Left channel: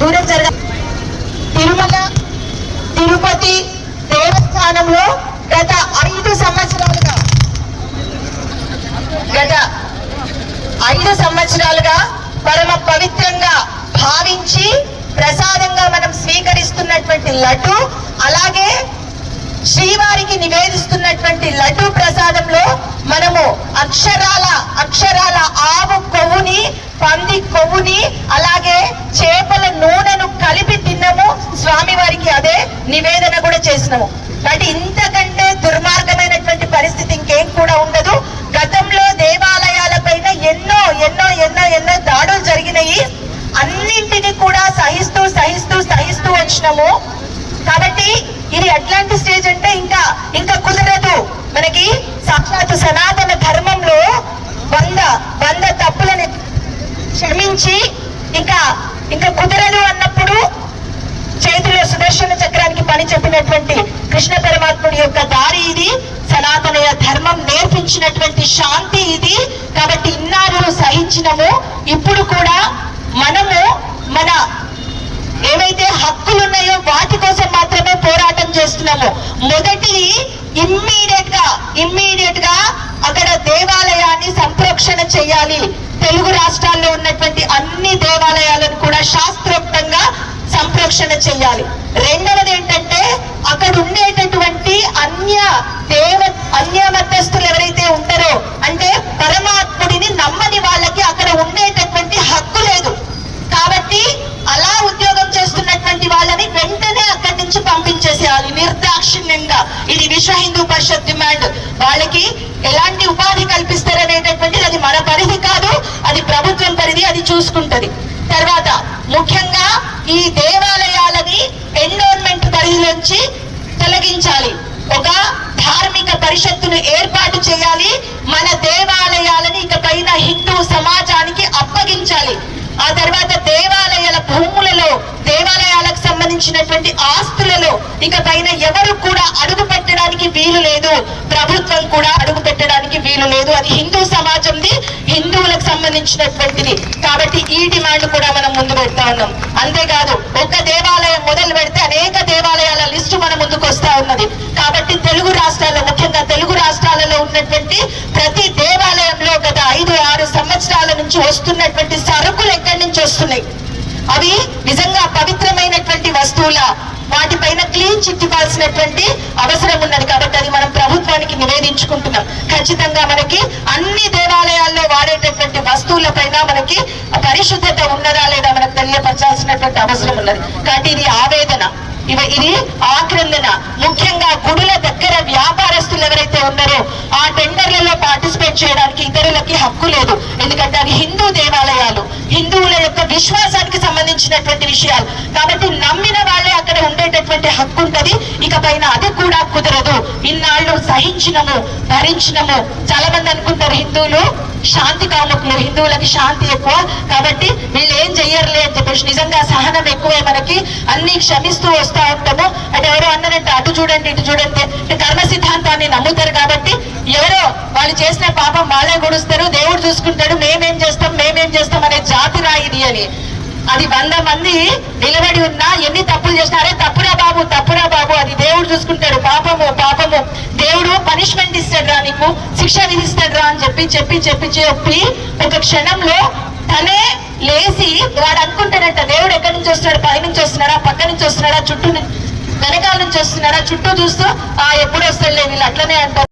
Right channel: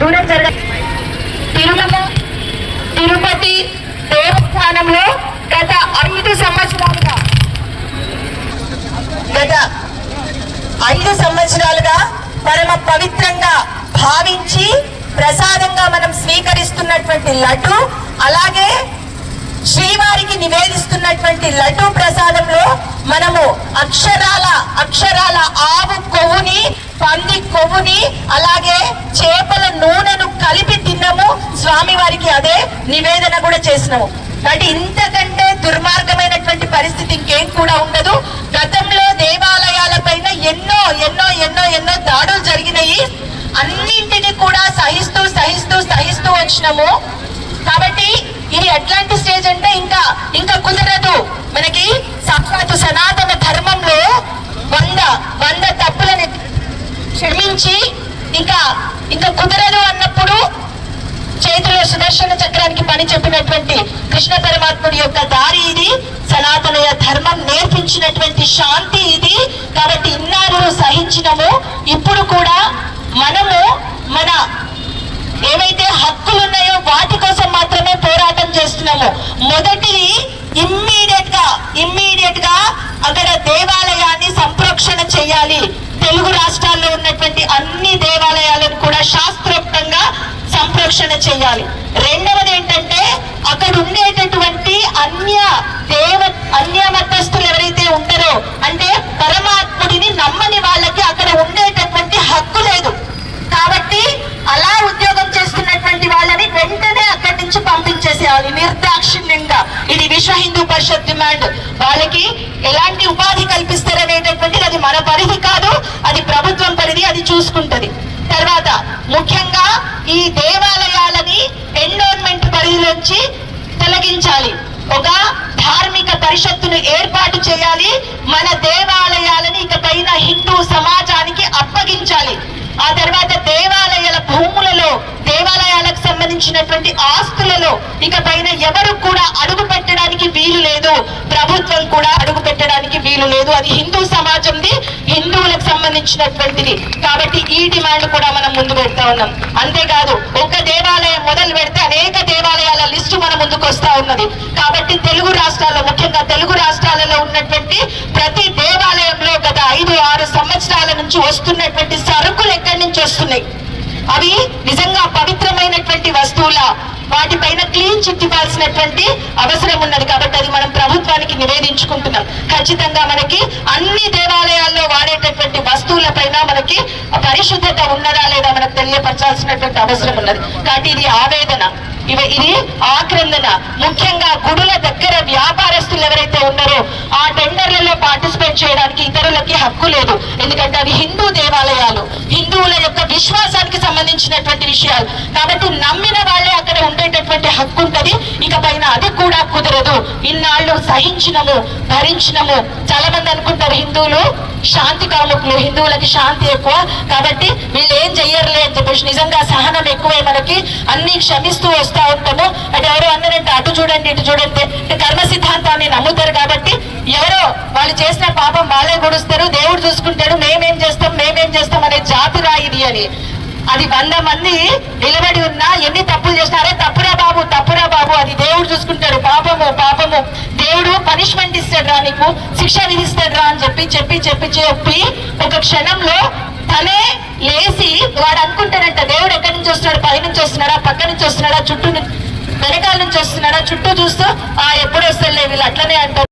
దూరం జరగ తిరుమల తిరుపతి దేవస్థానంలో గత ఐదు సంవత్సరాలుగా గత ఐదు సంవత్సరాలుగా పరమ పవిత్రంగా భావించి ప్రసాదంగా మనం స్వీకరిస్తున్నటువంటి లడ్డు అలాగే శ్రీవారికి నివేదిస్తున్నటువంటి లడ్డు ప్రసాదంలో మనము అక్షరాల అక్షరాల ఆవు పంది కొవ్వుని అలాగే చేపల నూనెను కలిపి తిన్నాము. స్వామి వారికి అదే నివేదన కూడా చేసినాము. కాబట్టి ఇంతకంటే దుర్మార్గమైనటువంటి పరిస్థితి ఇంకేం కూడా ఉండదు. గతంలో దేవాలయాల పైన ఎన్నో ఎన్నో ఎన్నో ఎన్నో దాడులు జరిగినాయి. అన్నింటినీ కూడా సహిస్తూ సహిస్తూ సహిస్తూ వచ్చినాము. కాబట్టి ఇది ఎట్లాంటి స్టేజ్ అంటే ఇంకా ఇంకా కుదరదు. మనకి సాక్షాత్ సనాతన ధర్మంలో వంద వంద తప్పులని క్షమించి ఇంకా ఇంకా కుదరదు అన్నప్పుడు చేతిలో సుదర్శన చక్రానికి పని చెప్పినటువంటి కృష్ణ పరమాత్ముడి యొక్క దారి ఇది సనాతనయ ధర్మం నేర్పించినటువంటి శాంతి ఇది. కాబట్టి ఇన్నాళ్ళు సహించినము ఇప్పుడు కూడా మనము మన ఏవైతే హక్కులు ఉన్నాయో వాటి కోసం మాత్రమే పోరాటం చేస్తున్నాము. మొదటిది ఇమ్మీడియట్గా ఇమ్మీడియట్గా అక్కడ దేవాలయాన్ని సంప్రక్షణ చేయాలి. తెలుగు రాష్ట్రాల్లో ఉన్నటువంటి అన్ని దేవాలయాలను కూడా శాస్త్రోక్తంగా సంరక్షణ చేయాలి. రెండవది ఏంటంటే ఆ ఉండేటటువంటి అన్య దేవ అన్య మతస్థులు ఎవరైతే ఉంటారో అంటే పరమాత్ముడిని నమ్మని వాళ్ళకి అక్కడ ఉండేటటువంటి హక్కు లేదు కాబట్టి అలా ఉద్యోగం చేస్తున్నటువంటి వాళ్ళని వెంటనే అక్కడి నుంచి పంపించేసేయాలి నిర్దాక్షిణ్యంగా ఇది విశ్వ హిందూ పరిషత్ డిమాండ్ వాళ్ళకి ఎలాంటి ఉపాధి కల్పిస్తారనేటటువంటిది అది మన పరిధి కాదు అది ప్రభుత్వం పరిధి అది చూసుకుంటది. తర్వాత ముఖ్యంగా ఈ దేవాలయాలని ఎండోన్మెంట్ పరిధిలోంచి తొలగించాలి. ఒక ధార్మిక పరిషత్తును ఏర్పాటు చేయాలి. మన దేవాలయాలని ఇక పైన హిందూ సమాజానికి అప్పగించాలి. ఆ తర్వాత దేవాలయాల భూములలో దేవాలయాలకు ఆస్తులలో ఇక పైన ఎవరు కూడా అడుగు పెట్టడానికి వీలు లేదు. ప్రభుత్వం కూడా అడుగు పెట్టడానికి వీలు లేదు. అది హిందూ సమాజంది హిందువులకు సంబంధించినటువంటిది. కాబట్టి ఈ డిమాండ్ కూడా మనం ముందు పెడతా ఉన్నాం. అంతేకాదు ఒక దేవాలయం మొదలు పెడితే అనేక దేవాలయాల లిస్టు మన ముందుకు వస్తా ఉన్నది. కాబట్టి తెలుగు రాష్ట్రాల్లో ముఖ్యంగా తెలుగు రాష్ట్రాలలో ఉన్నటువంటి ప్రతి దేవాలయంలో గత ఐదు ఆరు సంవత్సరాల నుంచి వస్తున్నటువంటి సరుకులు ఎక్కడి నుంచి వస్తున్నాయి? అవి నిజంగా పవిత్రమైన వస్తువుల వాటిపైన క్లీన్ చిట్ ఇవ్వాల్సినటువంటి అవసరం ఉన్నది కాబట్టి అది మనం ప్రభుత్వానికి నివేదించుకుంటున్నాం. ఖచ్చితంగా మనకి అన్ని దేవాలయాల్లో వాడేటటువంటి వస్తువుల పైన మనకి పరిశుద్ధత ఉన్నదా లేదా మనకు తెలియపరచాల్సినటువంటి అవసరం ఉన్నది. కాబట్టి ఇది ఆవేదన. ఇవ ఇది ఆక్రందన ముఖ్యంగా గుడుల దగ్గర వ్యాపారస్తులు ఎవరైతే ఉన్నారో ఆ టెండర్లలో పార్టిసిపేట్ చేయడానికి ఇతరులకి హక్కు లేదు. ఎందుకంటే అవి హిందూ దేవాలయాలు. హిందువుల యొక్క విశ్వాసానికి సంబంధించినటువంటి విషయాలు. కాబట్టి నమ్మిన వాళ్ళే అక్కడ ఉండేటటువంటి హక్కు ఉంటది. ఇక పైన అది కూడా కుదరదు. ఇన్నాళ్ళు సహించినము భరించినము చాలా మంది అనుకుంటారు హిందువులు శాంతి కాముకులు హిందువులకి శాంతి ఎక్కువ. కాబట్టి వీళ్ళు ఏం చెయ్యరులే అని చెప్పేసి. నిజంగా సహనం ఎక్కువే మనకి. అన్ని క్షమిస్తూ వస్తా ఉంటాము అది ఎవరో అన్నారంటే అటు చూడండి ఇటు చూడండి. కర్మ సిద్ధాంతాన్ని నమ్ముతారు కాబట్టి ఎవరో వాళ్ళు చేసిన పాపం వాళ్ళే గుడుస్తారు దేవుడు చూసుకుంటాడు మేమేం చేస్తాం మేమేం చేస్తాం అనే జాతి రాయిది అని. అది వంద మంది నిలబడి ఉన్నా ఎన్ని తప్పులు చేసినారే తప్పురా బాబు తప్పురా బాబు. అది దేవుడు చూసుకుంటాడు. పాపము పాపము. దేవుడు పనిష్మెంట్ ఇస్తాడు రా నీకు శిక్ష విధిస్తాడు రా అని చెప్పి చెప్పి చెప్పి చెప్పి ఒక క్షణంలో తనే లేచి వాడు అనుకుంటాడంట దేవుడు ఎక్కడి నుంచి వస్తున్నాడు? పై నుంచి వస్తున్నాడా? పక్క నుంచి వస్తున్నాడా? చుట్టూ వెనకాల నుంచి వస్తున్నాడా? చుట్టూ చూస్తూ ఆ ఎప్పుడు వస్తాడు వీళ్ళు అట్లనే అంటారు.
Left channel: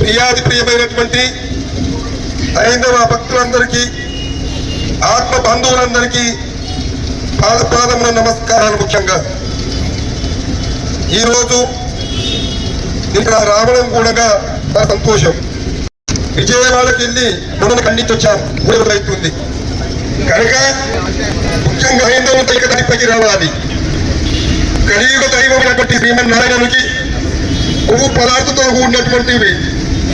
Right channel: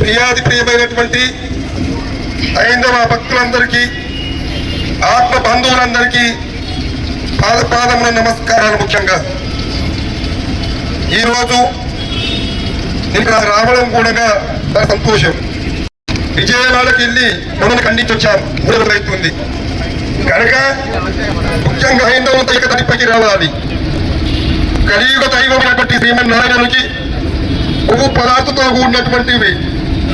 ప్రియాది ప్రియమైనటువంటి ఐందవ భక్తులందరికీ ఆత్మ బంధువులందరికీ పాదపాదమున నమస్కారాలు ముఖ్యంగా. ఈరోజు ఇక్కడ రావడం కూడా సంతోషం. విజయవాడకి వెళ్ళి మనం ఖండించొచ్చాను మూడు రోజులు అవుతుంది కనుక ముఖ్యంగా హైందవం తిరుపతి రావాలి. కలియుగ దైవమైనటువంటి శ్రీమన్నారాయణునికి పువ్వు పదార్థంతో కూడినటువంటివి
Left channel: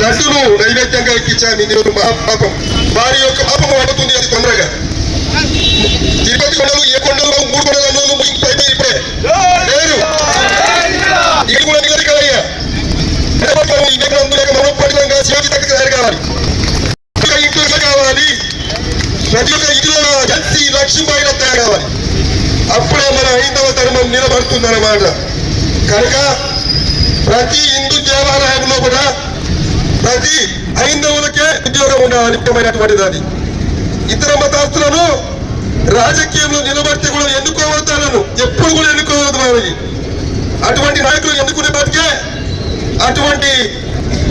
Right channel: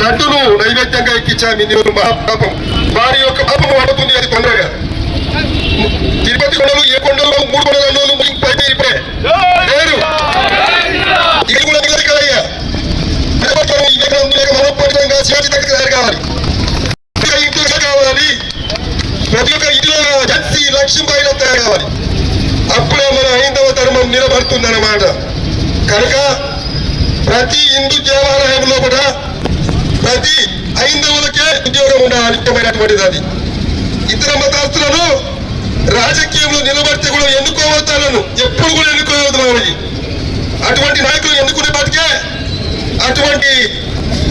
లడ్డును నైవేద్యంగా ఇప్పించాము ఇందులో మహాపాపం. వారి యొక్క పాపం పడుతుంది అది తొందరగా. తిరుపతి కొండలు ఏ కొండలు మూడు కొండలు పైన ఇప్పుడే. లేరు ఇది కూడా నిలది కదయ్యా దేవతలు ఈ నెల మనోపరితంగా శివాజీ దగ్గర తయారు కావాలి ఇంకా ఇంట్లో కావాలి ప్రతి ఒక్క ఇంట్లో జన్సి లక్ష్మీబాయిలో తయారు కావాలి అప్పుడు మన హైందవ ధర్మం నిలబడుతుందన్నమాట కనుక ప్రతి హిందూ దేవాలయంలో కూడా ప్రతి హైందవులకే ఉద్యోగం ఉండాలి అది. ఇతర మతస్థులను రాజకీయంలో నిలబడితే కూడా ఎన్నుకోవద్దాలను. ఎప్పుడు కూడా ఎన్నుకోవద్దు వాళ్ళకి అటువంటి నాయకులు ఎన్నుకునే బతికే? అటువంటి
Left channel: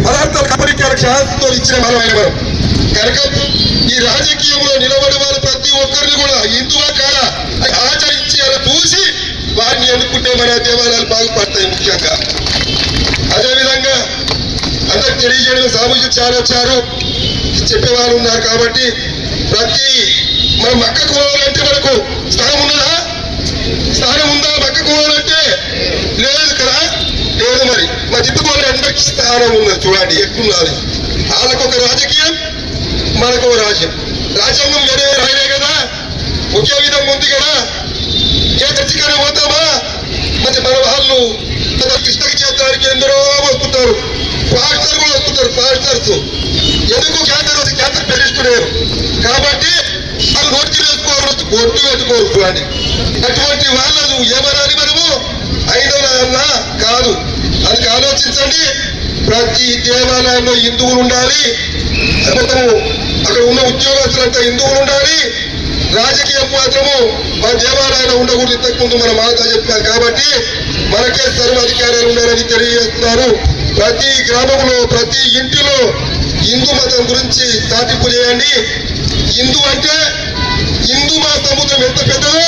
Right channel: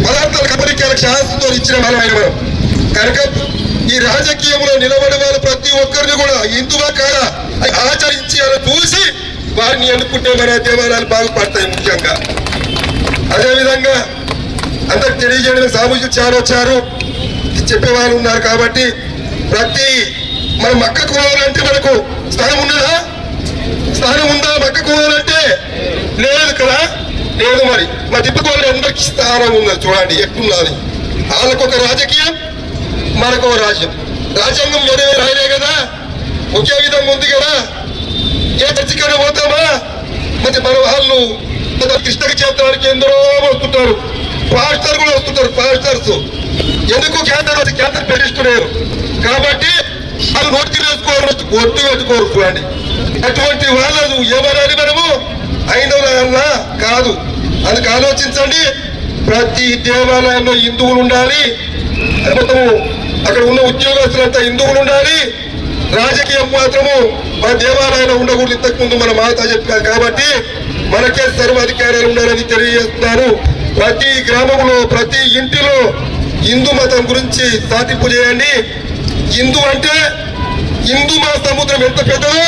పదార్థాల కబరికాలకు శాస్త్రంతో ఇచ్చిన మనం ఆయన మనం. కనుక ఈ రాజకీయంలో నిలబడే వారు ప్రతి ఒక్కరిని కూడా హిందువా కాదా? అని ఆచరించి అలా చూసి వారిని ఎన్నుకుంటే మన దేవాలయాలు బాగుపడతాయి ముఖ్యంగా. అదేవిధంగా అందరికి తెలియజేయడం సామూహిక చాలా వచ్చారు చెప్పేవాళ్ళు ఉన్నారు కాబట్టి ప్రతి మన మక్క కోవాలంటే మనకు స్థానం ఉన్నదా? స్థానం ఉందా మక్క కోవాలంటే లేదు కదా? లేదు మరి. మా తిట్టుకోవాలి అందరికి స్థానం ఉన్నది చూడండి ఎట్టున్నది వాళ్ళకొక రాజకీయం మనకు రాజ్యం. రాజ్యాంగం వేరే రాయలే కదా? ఒకే విధంగా ఉంది కదా? ఏ చర్చికైనా పోతామా? మరి మన వాళ్ళు కృష్ణ క్షేత్రానికి ఎందరో వస్తుంటారు. పాస్టర్ కూడా వస్తుంటారు పాస్టర్స్ ఎందుకు క్యాన్సర్ వచ్చి క్యాన్సర్ పెరిగిస్తున్నారు కాబట్టి వాళ్ళు ఒట్టి వేసుకోవాలి ఒట్టి పెట్టుకోవచ్చు అని అటువంటి వాళ్ళను ఏమనాలి మనము అయినా కాదు. అందుకు ఆలోచించండి. ప్రతి దేవాలయంలో హిందువులు ఉండాలి. మొత్తము అక్కడ ఉన్న ఉద్యోగస్తులంతా హిందువులు ఉండాలి. రాజకీయం మాత్రము మన దేవాలయంలో ఉండకూడదు. ఇంతకుముందు మన మాత చెప్పారు కాబట్టి మనకే సర్వాధికారాలు ఉండాలని తెలియజేస్తున్నారు. ప్రతి గ్రామంలో ప్రతి ఇంటిలో హిందూ మతం గురించి సాటింపు చేయండి. హిందూ అంటే హిందూ మా సముద్రం ఎంత పెద్దదో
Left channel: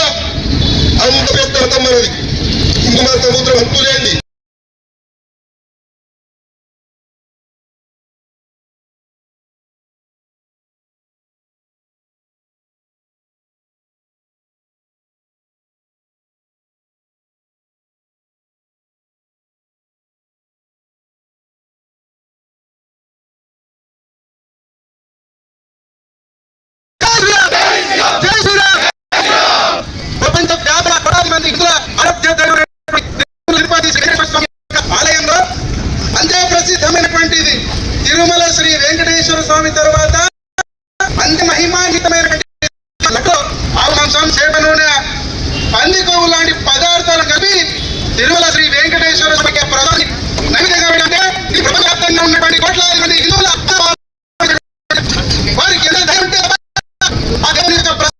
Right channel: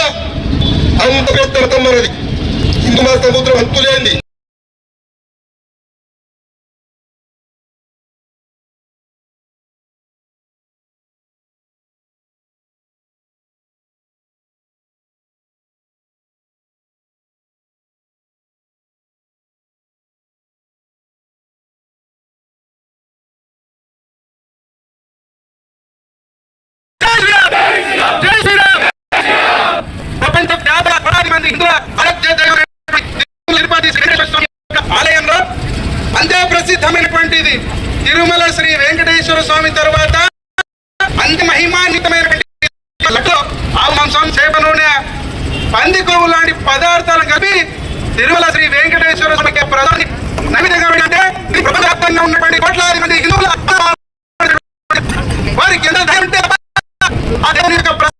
అంత పెద్ద మతం మనది. హిందూ మా సముద్రం అంతులేంది జై శ్రీరామ్ ప్రపంచ వ్యాపార పడాది మంది హిందువుల ఆరాధ్య దైవమైనటువంటి తిరుపతి శ్రీ వెంకటేశ్వర స్వామి యొక్క ఆలయంలో అంతే ప్రసిద్ధమైనటువంటిది తిరుమల శ్రీ వెంకటేశ్వర స్వామి తరువాత అంత మహిమాన్వితమైనటువంటి లడ్డు, ఆవు మాంసం చేప నూనె పంది కొవ్వు లాంటి పదార్థాలు కలిపి తిరుమల శ్రీ వెంకటేశ్వర స్వామికి ప్రధాని నైవేద్యంగా ఏంటంటే ఈ ప్రపంచవ్యాప్తంగా ఉన్నటువంటి కోట్లాది మంది హిందువుల వారికి ఎంత ధైర్యం ఉంటే తప్ప ఆ దేవుని యొక్క ప్ర-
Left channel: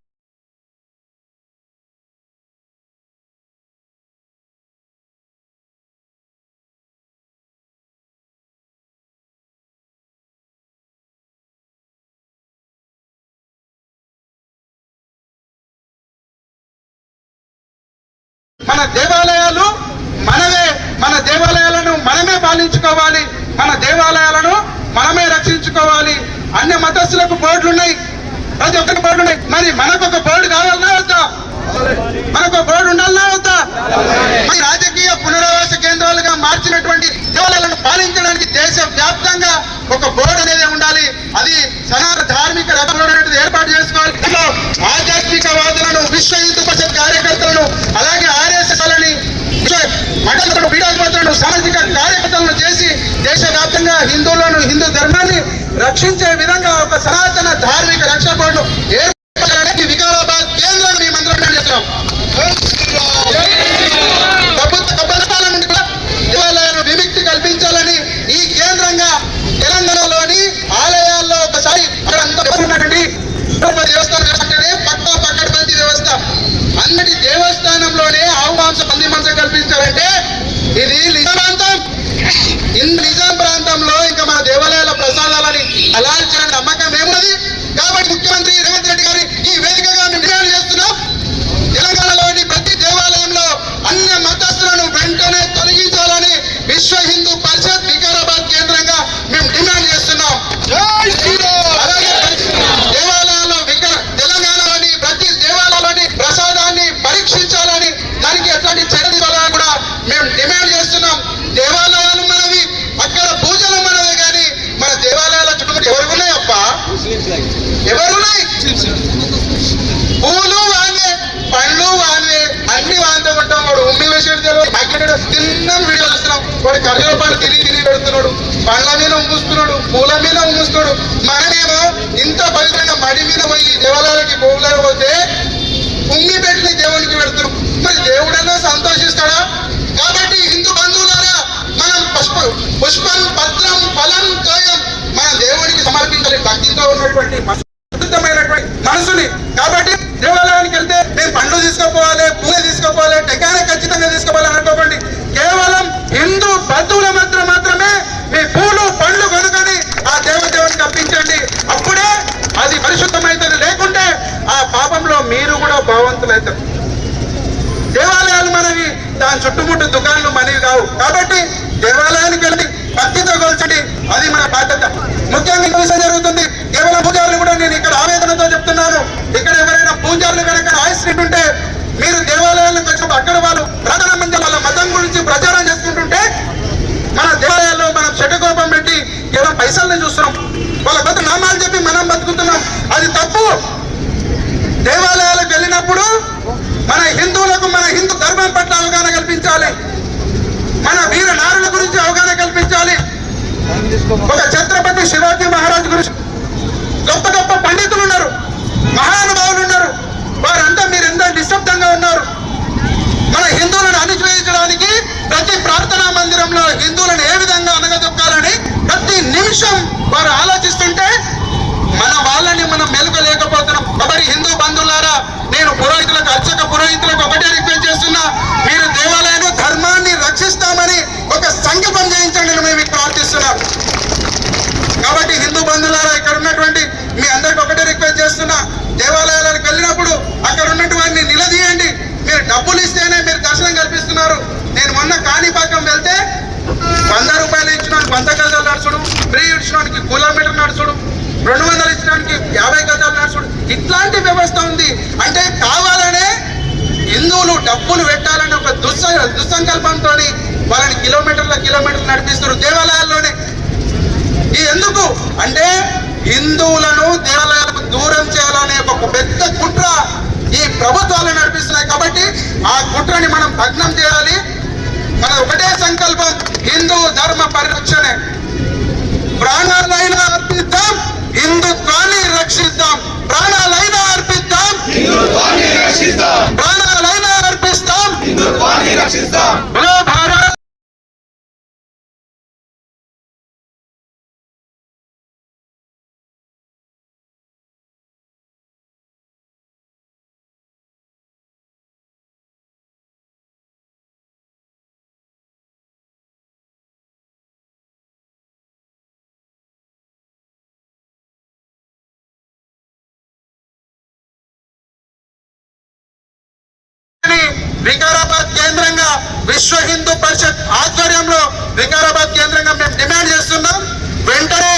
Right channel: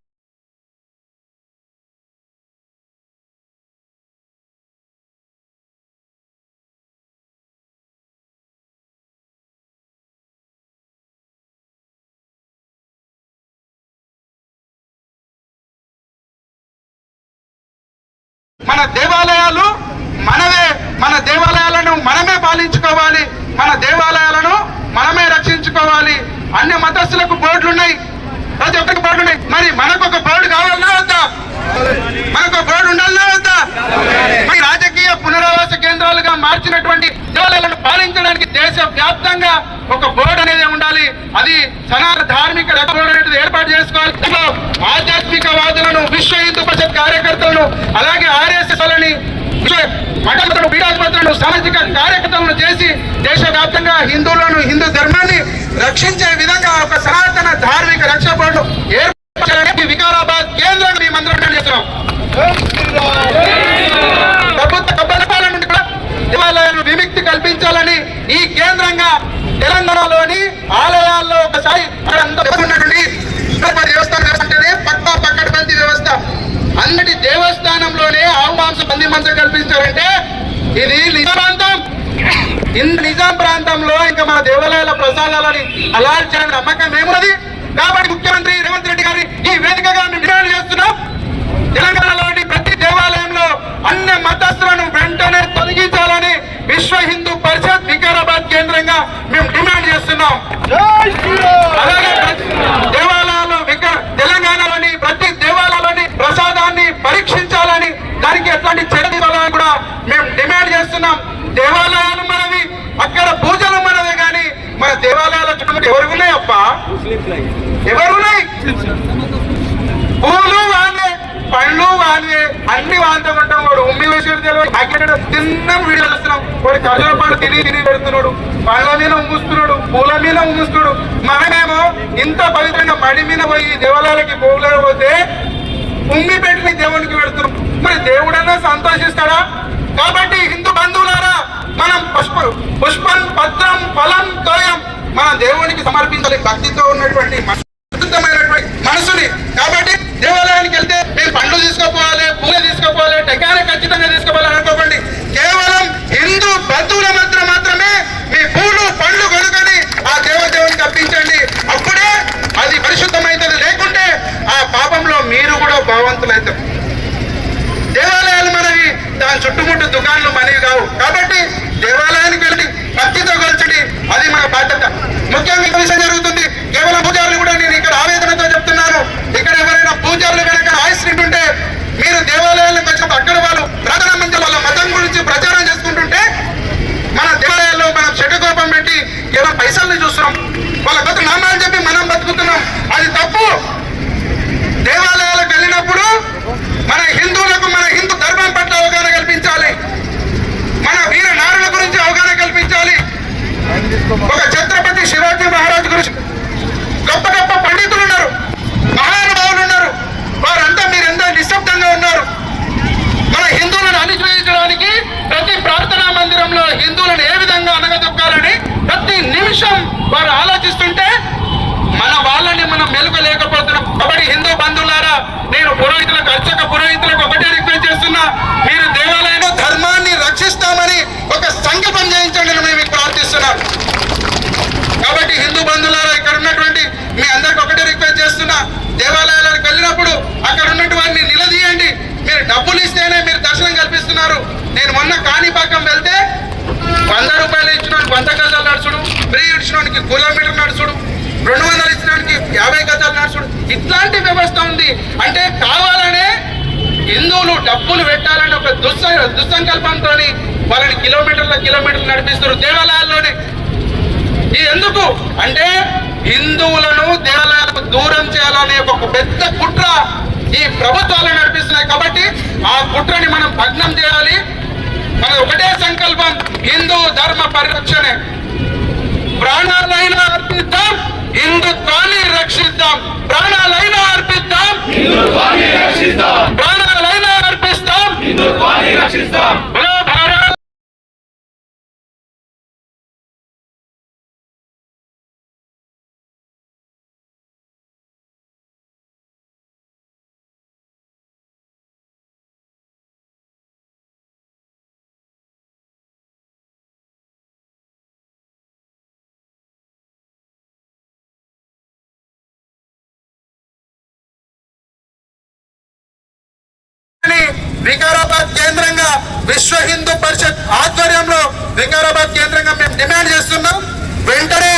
మన దేవాలయాలు మనమే మన దేవాలయాలను మనమే పాలించుకోవాలి. మన దేవాలయాలను మనమే రక్షించుకోవాలి. అన్ని మతస్థులకు బోర్డులు ఉన్నాయి ప్రతి ఒక్కరికి బోర్డు ఉన్నాయి మరి మనకు ఒక బోర్డు కావాలన్నా వద్దా? మనకు ఒక బోర్డు ఉండాలన్నా వద్దా? మార్చినటువంటి దేవాలయాలను పాలించడానికి దేశ వ్యాప్తంగా ఒక బోర్డు అనేది ఉండాలి. అది సనాతన ధార్మిక రథం అనేది ఏర్పాటు చేసుకోవాలి. ఆధ్యాత్మిక ఆధ్యాత్మికవాదులను విశ్వ హిందూ పరిషత్ కార్యకర్తలను అలాగే ఆర్ఎస్ఎస్ లని మఠాలను పీఠాధిపతులను సామాజిక కార్యకర్తలను చేసి దేశవ్యాప్తంగా హిందువులను హిందూ ధర్మాన్ని రక్షించే విధంగా ఒక సనాతన ధార్మిక రక్షణ బోర్డు ఏర్పాటు చేయాలని వికారాబాద్ కేంద్రం ఈ మంత్రం చేస్తున్నాం జై శ్రీరామ్. ప్రభుత్వ కబ్బలిపాల నుండి కూడా దేవాలయాలను విముక్తి కల్పించాలని ఈ కేంద్రంగా తెలంగాణలోని ఆలయాల్లో ఒకసారి ఇక్కడ అంతా ఉన్నటువంటి తిరుపతి దేవస్థానం అంటేనే పక్క పక్కన బంతి వ్యవస్థ అన్నటి దేవస్థానంలోనే ఆవు మాంసం కల్పించారంటే ఇది నిజాం ప్రాంతం. ఇంత నిజాం ప్రాంతంలో ఇంకా మన దేవాలయాల ప్రసాదాలని అలాల్ చేయడం నమ్మకం ఏమున్నది? కాబట్టి ముఖ్యమంత్రి రేవంత్ రెడ్డి గారి ఈ వేదికగా మేము డిమాండ్ చేస్తున్నాం. తెలంగాణలోని ప్రతి దేవాలయంలో అన్ని మతస్థులను వెంటనే తొలగించాలని విశ్వ హిందూ పరిషత్ వికారాబాద్ కేంద్రంగా మేము డిమాండ్ చేస్తున్నాం. జై అలాగే దేవాలయాలు వికా- తెలంగాణలోని ప్రతి దేవాలయంలోని ప్రసాదాన్ని పరీక్షించాలని దానికి ఎట్లాంటి మేము డిమాండ్ చేస్తున్నాం. దేవాలయాలు మనవి అక్కడ పూజలు మనవి కానీ మన దేవాలయాల చుట్టూ ఎవరు ఉన్నాయి అప్ప? ఎవరున్నాయి? పూలు వాళ్ళే పండ్లు వాళ్ళే అన్ని వాళ్ళతో ఉంటాం. వాడు ఉమ్మి వేసేది తెలియదు మాకెక్కడ తిన్న వీడియో చూస్తున్నాం. వాడు ఖర్జుల పండు తిరిగి తిరిగి పెడుతున్నాడు. పండ్ల మీద ఉమ్ముస్తున్నాడు. పూల మీద ఉమ్ముస్తున్నాడు. మనమేమో ఇంత పవిత్రంగా మడి మీద పోయి దేవాలయాలకి పోలేకపోతే ఉమ్మి పెట్టిన దేవునికి పెడుతున్నాం. మరి దేవుడన్నా సంతోషిస్తాడా? కాబట్టి హిందూ బంధువులారా మనం పుష్ప పుష్పం పత్రం ఫలం తోయం మన దేవునికి సమర్పించాలి భక్తితో ఉన్నటువంటి మన మనసుని. కాబట్టి దేవాలయానికి వెళ్తే మీరు పండ్లు తీసుకుపోవాలి పూజ తీసుకుపోవాలి టెకాన ఖచ్చితంగా తీసుకోవాలి అనుకోకండి. కేవలం హిందూ బంధువుల మాత్రం మాత్రమే మీ పూలు పండ్లు కొనుకొని ఆ దేవదేవునికి అర్పించండి అప్పుడే అది పరిశుద్ధమైతుంది లేకుంటే ఆ పాపంలో మీరు కూడా భావంతులవుతారు దాని చుట్టుముట్టు దుకాణాలు మనవి కావు కాబట్టి దేవాలయానికి వెళ్ళి భక్తితో కలిసండి అది మన బాధ్యత. ముఖ్యంగా విషయం జరుగుతుంది. కేవలం పూజారులు కూడా నేను ఇక్కడ ఆవేదనతో చెప్తున్నాను. ఇక్కడ ఎవరైనా పూజారులు కనుక ఆయుష్యం మీరు దేవాలయాలకు వచ్చి అక్కడ వాళ్ళు ప్రధాన మంది వాళ్ళ మతం గురించి ప్రచారం చేసుకుంటుంటే మన దేవాలయాల్లో మనం చెడుకోపం పెట్టి కేవలం పైసల్ని చూస్తున్నాం. వాళ్ళ కొత్త నామాలు చెప్పి మనం బతుకుతున్నాం. అది తప్పు. దేవాలయాలకు వెళ్ళినప్పుడు మన హిందువులకు మన హిందూ ధర్మం పట్ల అవగాహన కల్పించాలి మన వీర నారుల గురించి అవగాహన కల్పించాలి ఒక ఛత్రపతి శివాజీ మహారాజ్ గురించి గొప్ప గొప్ప పండితులు ఉన్నారు. మహానుభావులు ఉన్నారు. వారంతా మీరెంతో నిశ్శబ్దంగా ఉన్నారు. మన హిందువులను అణిచివేయించడానికి ప్రతి ప్రార్థనా మందిరంలో హిందువులను ఏ విధంగా అనగదొక్కాలని ప్రతి నిమిషం వారు ఆలోచిస్తుంటే మన వాళ్ళని మనం మెలుగలేకపోతున్నాం కాబట్టి హిందూ బంధువులారా నేను పురోహితులకు అర్చక పురోహితులకు ఒకటే రిక్వెస్ట్ చేస్తున్నా. మీరు దేవాలయంలో ధర్మాన్ని రక్షిస్తామని ఒక సంకల్పం చేయించండి మేము ప్రార్థిస్తున్నాను హిందూ బంధువులారా ఇక్కడ ఉన్నటువంటి మీ అందరికి ఒకటే రిక్వెస్ట్ చేస్తున్నా దేవాలయాలకు వెళ్ళినప్పుడు అక్కడ ఉన్నటువంటి వారిని నిలదీయండి. మీరు డబ్బులు ఇస్తేనే మీరు దర్శనం కల్పిస్తున్నారు. నేను మొన్న కాణిపాకం వెళ్తే వంద రూపాయలు ఇచ్చినానికి వంద గజాలు నడుచుడు ఫ్రీ ఇచ్చినానికి కిలోమీటర్ నడుచుడు రెండు వందలు ఇచ్చినానికి యాభై గజాలు నడుచుడు. ఇట్లాంటి వ్యవస్థ ఉంది. అంటే కావాలనే హిందువులు డబ్బులు పెట్టాలని ఒక దుస్స దుస్సంకల్పంతో వాళ్ళని కిలోమీటర్ల కిలోమీటర్లు నడిపిస్తారు దేవాలయాల్లోనే ఎందుకు? అంటే హిందువులను దేవాలయాలకు దూరం చేయాలనే ఒక పెద్ద కుట్ర ఈ ప్రభుత్వాలు నడిపిస్తున్నాయి కాబట్టి ఆ కుట్రని మనం భగ్నం చేయాలి. మన ఒకటే సంకల్పం హిందూ ధర్మ పరిరక్షణే. ప్రాణాలైనా అర్పిద్దాం హిందుత్వాన్ని రక్షిద్దాం. ప్రాణాలైనా అర్పిద్దాం హిందుత్వాన్ని రక్షిస్తాం ప్రాణాలైనా అర్పిస్తాం. హిందుత్వాన్ని రక్షిస్తాం వికారాబాద్ కేంద్రంగా విశ్వ హిందూ పరిషత్ ఆధ్వర్యంలో వికారాబాద్ కేంద్రంగా మేము డిమాండ్ చేస్తున్నాం. వెంటనే